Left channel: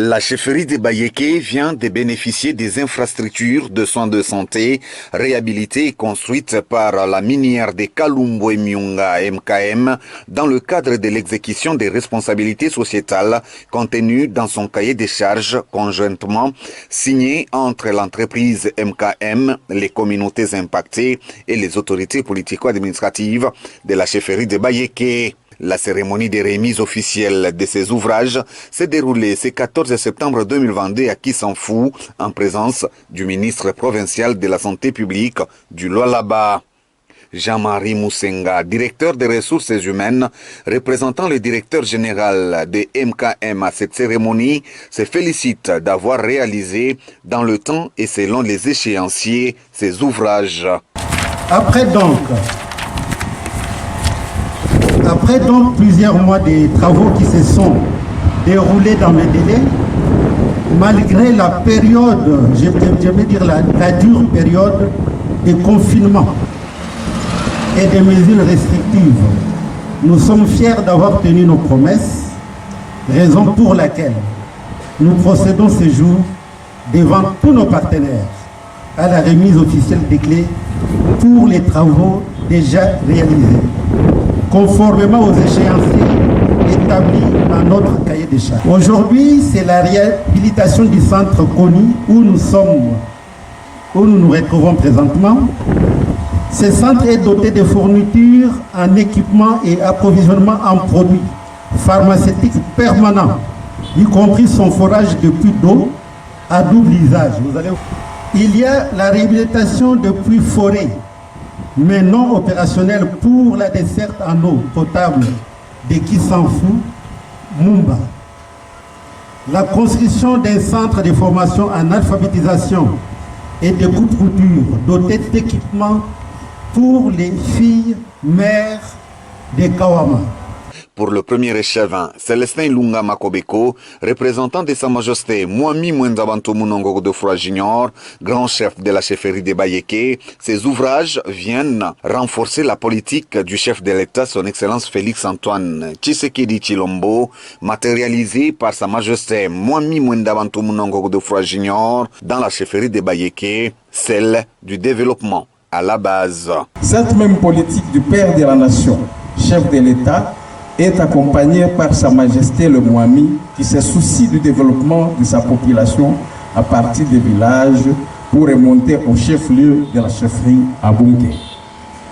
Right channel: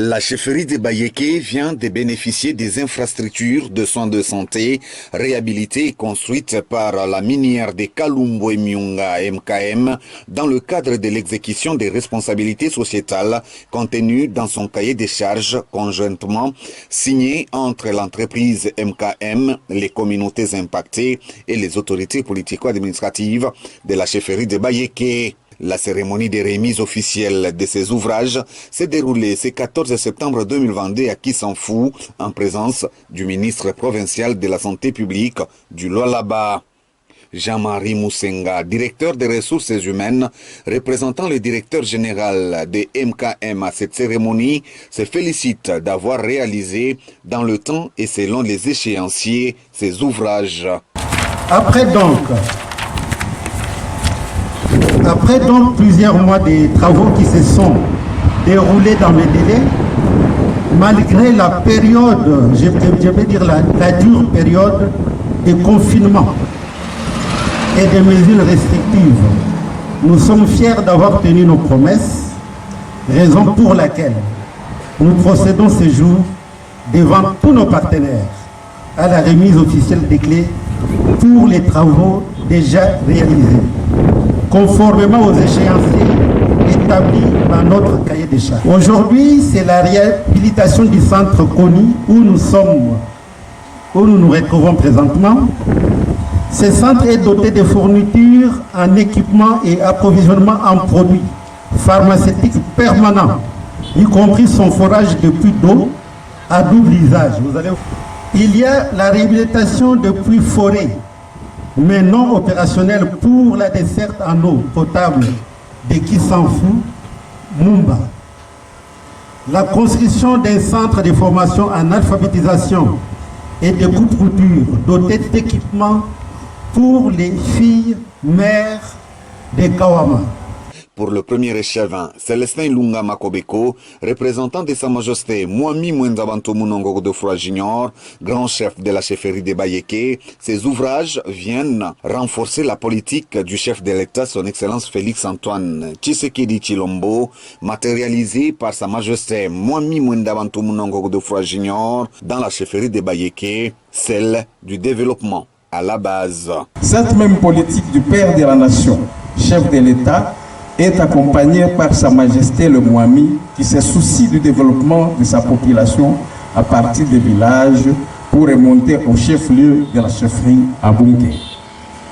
La chefferie de Bayeke vient de bénéficier des infrastructures de soins de santé réhabilitées et construites par la minière de Kalumbo et Miunga MKM dans le cadre de l'exécution des responsabilités sociétales contenues dans son cahier des charges conjointement signé entre l'entreprise MKM, les communautés impactées et les autorités politico-administratives de la chefferie de Bayeke. La cérémonie de remise officielle de ces ouvrages s'est déroulée ce 14 septembre 2022 à Kissanfou, en présence du ministre provincial de la Santé publique du Lualaba. Jean-Marie Moussenga, directeur des ressources humaines, représentant le directeur général de MKM à cette cérémonie, se félicite d'avoir réalisé dans le temps et selon les échéanciers ces ouvrages. Après donc plusieurs mois de travaux qui se sont déroulés dans le délai, malgré la période, je vais dire la dure période de confinement et des mesures restrictives, nous sommes fiers d'avoir tenu nos promesses, raison pour laquelle nous procédons ce jour devant tous nos partenaires à la remise officielle des clés pour les travaux déjà réalisés, conformément aux échéanciers établis dans notre cahier des charges. Aujourd'hui, c'est la réhabilitation du centre Koni où nous nous retrouvons présentement. Ce centre est doté de fournitures en équipement et approvisionnement en produits pharmaceutiques permanents, y compris son forage de puits d'eau à double usage. Il y a la réhabilitation de puits forêts, mais non opérationnel pour la desserte en eau potable de Kissanfou, Mumba. La construction d'un centre de formation en alphabétisation et de coupe-couture doté d'équipements pour les filles mères de Kawama. Pour le premier échevin, Célestin Lunga Makobeko, représentant de Sa Majesté Mwami Mwendabanto Munongo Godefroy Junior, grand chef de la chefferie de Bayeke, ces ouvrages viennent renforcer la politique du chef de l'État, son Excellence Félix-Antoine Tshisekedi Tshilombo, matérialisée par Sa Majesté Mwami Mwendabanto Munongo Godefroy Junior dans la chefferie de Bayeke, celle du développement à la base. Cette même politique du père de la nation, chef de l'État, est accompagné par Sa Majesté le Mwami qui se soucie du développement de sa population à partir des villages pour remonter au chef-lieu de la chefferie à Bunké.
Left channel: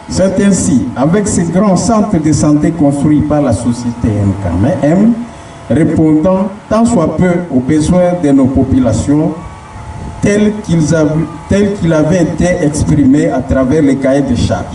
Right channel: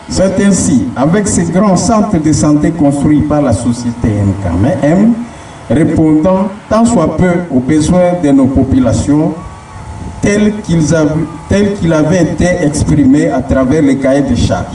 C'est ainsi, avec ces grands centres de santé construits par la société MKM, répondant tant soit peu aux besoins de nos populations tels qu'ils avaient été exprimés à travers les cahiers de charges.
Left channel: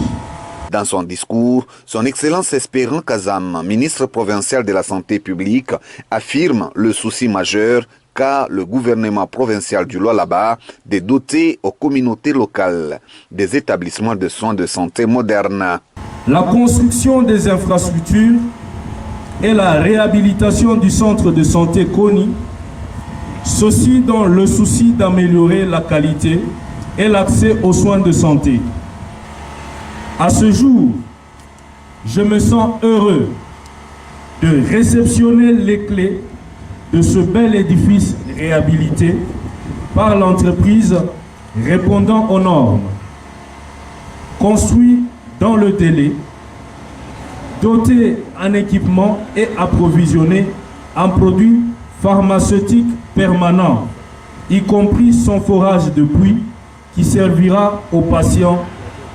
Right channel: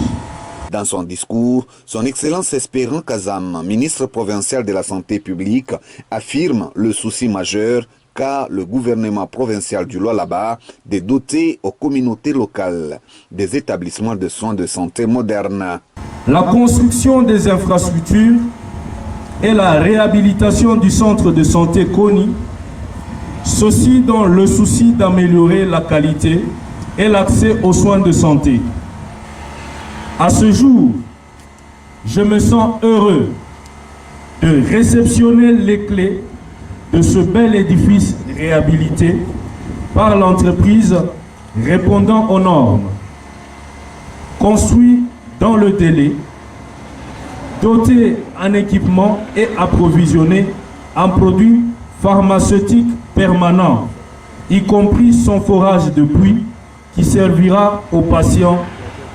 Dans son discours, son Excellence Espérant Kazam, ministre provincial de la Santé publique, affirme le souci majeur qu'a le gouvernement provincial du Lualaba de doter aux communautés locales des établissements de soins de santé modernes. La construction des infrastructures et la réhabilitation du centre de santé Koni, ceci dans le souci d'améliorer la qualité et l'accès aux soins de santé. À ce jour, je me sens heureux de réceptionner les clés de ce bel édifice réhabilité par l'entreprise répondant aux normes, construit dans le délai, doté en équipement et approvisionné en produits pharmaceutiques permanents, y compris son forage de puits qui servira aux patients,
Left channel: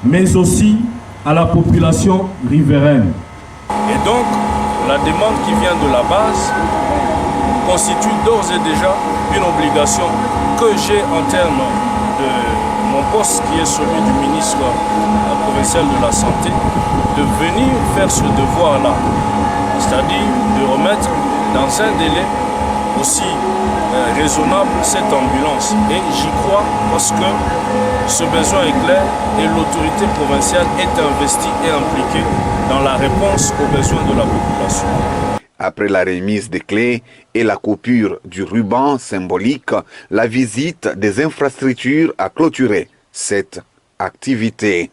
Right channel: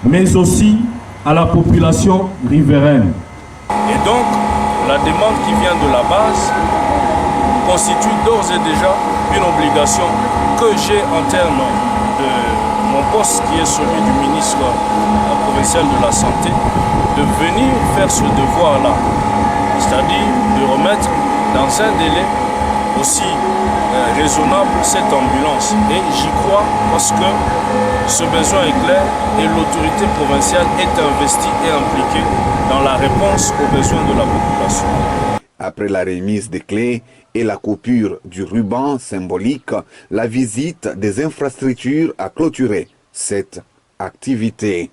mais aussi à la population riveraine. Et donc, la demande qui vient de la base constitue d'ores et déjà une obligation que j'ai en termes de mon poste, qui est celui du ministre provincial de la Santé, de venir faire ce devoir-là, c'est-à-dire de remettre dans un délai aussi raisonnable cette ambulance. Et j'y crois parce que ce besoin est clair et l'autorité provinciale est investie et impliquée dans la réponse aux besoins de la population. Après la remise des clés et la coupure du ruban symbolique, la visite des infrastructures a clôturé cette activité.